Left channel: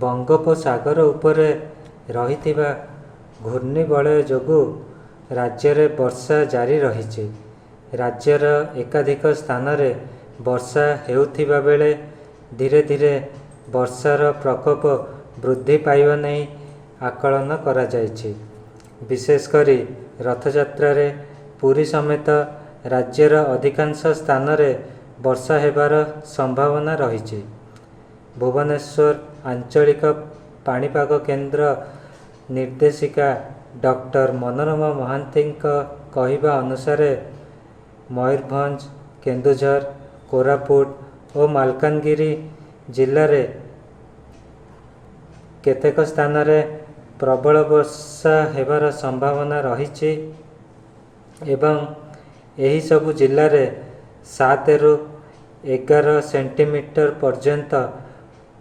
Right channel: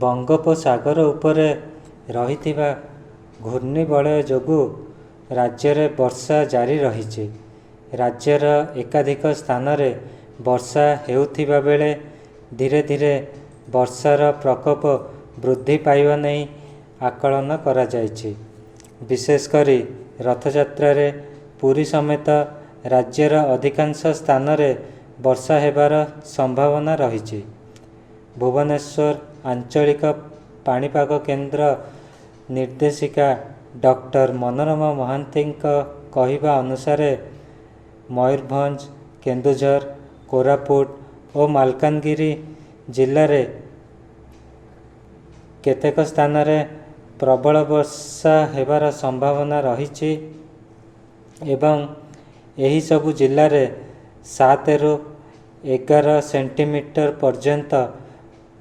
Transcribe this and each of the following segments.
बंगोपसागर उपरे रहिथिबा घूर्णिबलय जोगु राज्य वर्षा जारी रही। राज्यर एकाधिक स्थान रे वर्षा हेउथिबा बेले धीरे धीरे वर्षार प्रकोप वृद्धि पाइबा नहीं आकलन करा जायछि। विशेषकर रथयात्रा रे पुरी समेत राज्यर अधिकांश स्थान रे वर्षा हेबार संभावना रही। भुवनेश्वर आंचलिक पाणीपाग केन्द्र निर्देशिका डॉक्टर मनोरमा महांती कहवा अनुसार मयूरभंज, केन्दुझर, कोरापुट और मालकानगिरी जिले में केतेक स्थान रे प्रबल वर्षा हेबार संभावना रही एवं एही सबु जिले में 7 ରୁ 11 सेंटीमीटर पर्यंत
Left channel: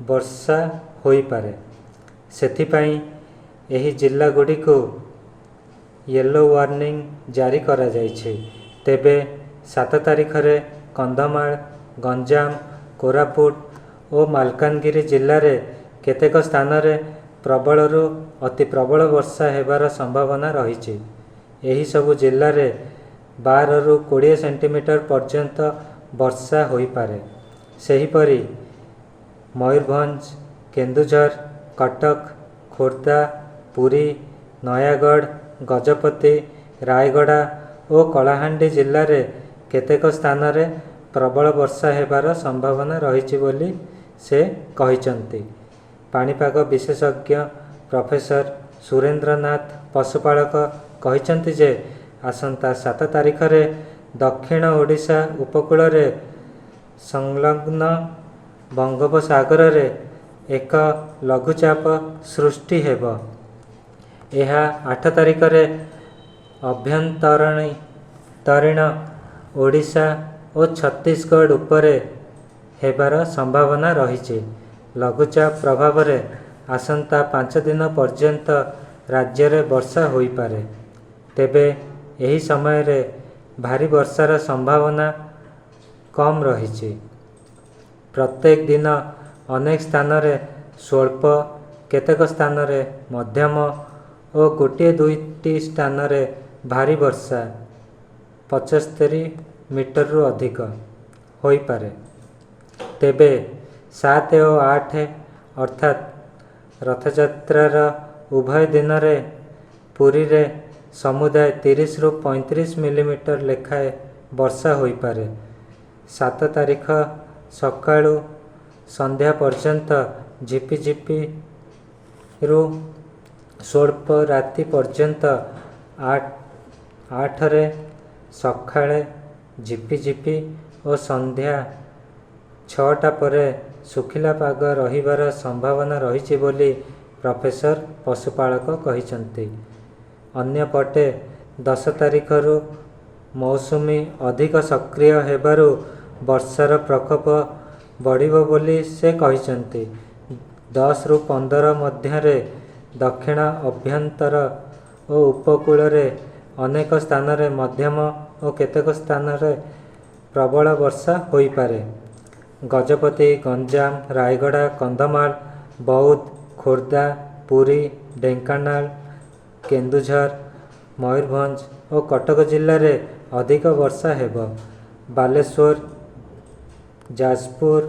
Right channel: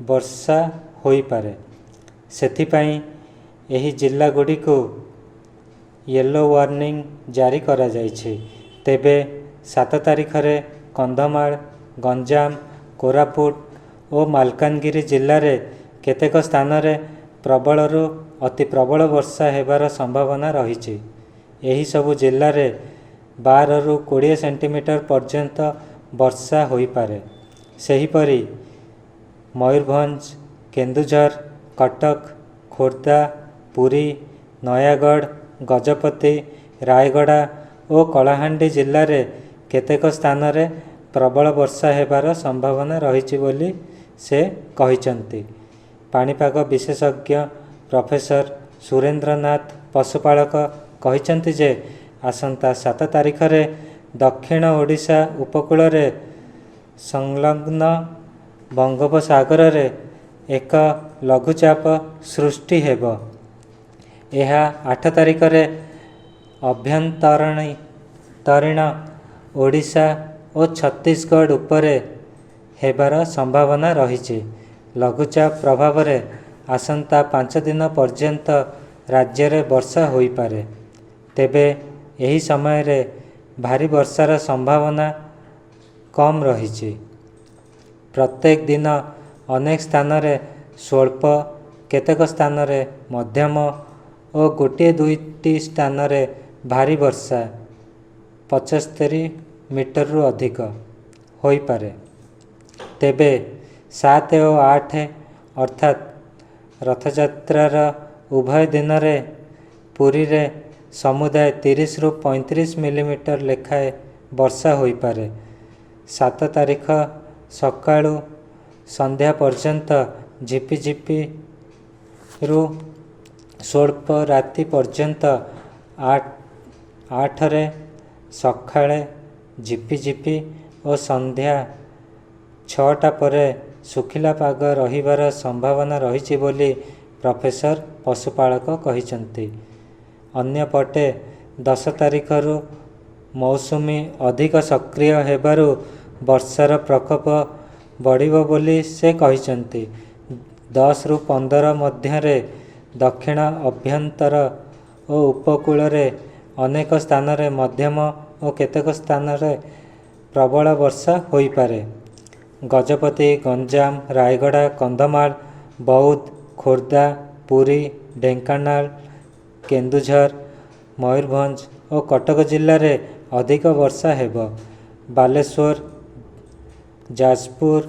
वर्षा होई पारे। सेथिपाई एही जिला गुडी को येलो वार्निंग जारी करा जायछि। तेबे 7 तारिख रे कंधमाल, गंजाम, कोरापुट और मालकानगिरी जिले में केतेक स्थान रे प्रबल रु अति प्रबल वर्षा हेबार संभावना रही। एही सबु जिले में 12 ରୁ 20 सेंटीमीटर पर्यंत वर्षा होई पारे। सेहीपरि मयूरभंज, केन्दुझर, कटक, खोर्धा, पुरी, नयागढ़, गजपति, रायगड़ा और कलाहांडी जिले में केतेक स्थान रे प्रबल वर्षा हेबार संभावना रही बोली से कहिसंती। पाणीपाग विशेषज्ञ प्रोफेसर सुरेंद्रनाथ पशुपालक कहिसंती जे आसंता 7 तारिख रे दक्षिण ओडिशा उपकूल रे संलग्न बंगोपसागर रे एक लघुचाप सृष्टि हेब। यह 8 तारिख रे अभ्यंतरीण ओडिशा और छत्तीसगढ़ उपरे हेबार संभावना रही। लघुचाप प्रभाव रे आसंता 5 दिन पर्यंत राज्य रे वर्षा होई पारे। तेबे यही समय रे भारी वर्षार संभावना कम रही। प्रत्येक दिन अनेक स्थान रे स्वल्प, केतेक स्थान रे मध्यम और गोटे दुईटी स्थान रे भारी वर्षा 75 मीटर रु अधिक होई पारे। तेबे 7 और 8 अर्थात रथयात्रार उभय दिन रे पुरी रे समुदाय 30 ରୁ 35 मिलीमीटर लेखाए वर्षा होई पारे। 7 तारिख सकाळु संध्या पर्यंत झिपिझिपि रु स्वल्प राति पर्यंत 8 रे सकाळे झिपिझिपि और संध्या 6टा परे सुखिला पाग रहिबार संभावना रही बोली प्रोफेसर पशुपालक कहिसंती। अन्यपटे 10 तारिख रु मौसुमी अधिक सक्रिय हेबारु वर्षार प्रकोप बढ़िबो बोली से कहिसंती। 10 ରୁ 15 मध्य दक्षिण अभ्यंतर और उपकूल रे अनेक स्थान रे मध्यम और केतेक स्थान रे प्रबल वर्षा होई पारे। गजपति, गंजाम, रायगड़ा, कंधमाल, बौद्ध, खोर्धा, पुरी, ढेंकानाल, केन्दुझर, मयूरभंज और कटक जिले में अधिक वर्षा हेब। बालेश्वर, जाजपुर,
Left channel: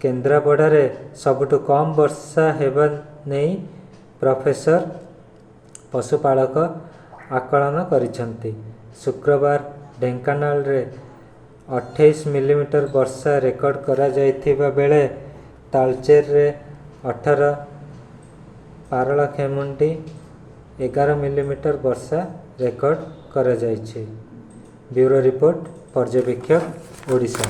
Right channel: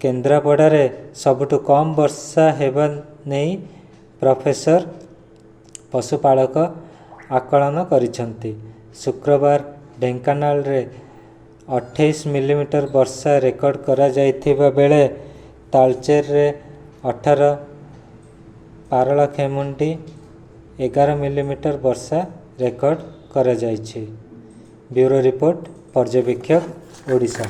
केन्द्रापड़ा रे सबुठु कम वर्षा हेबा नहीं प्रोफेसर पशुपालक आकलन करिसंती। शुक्रवार ढेंकानाल रे 28 मिलीमीटर वर्षा रेकर्ड करा जाइथिबा बेले तालचेर रे 18, पारलाखेमुंडी 11 मिलीमीटर वर्षा रेकर्ड करा जाइछि। ब्यूरो रिपोर्ट, पर्यवेक्षक, ओडिशा।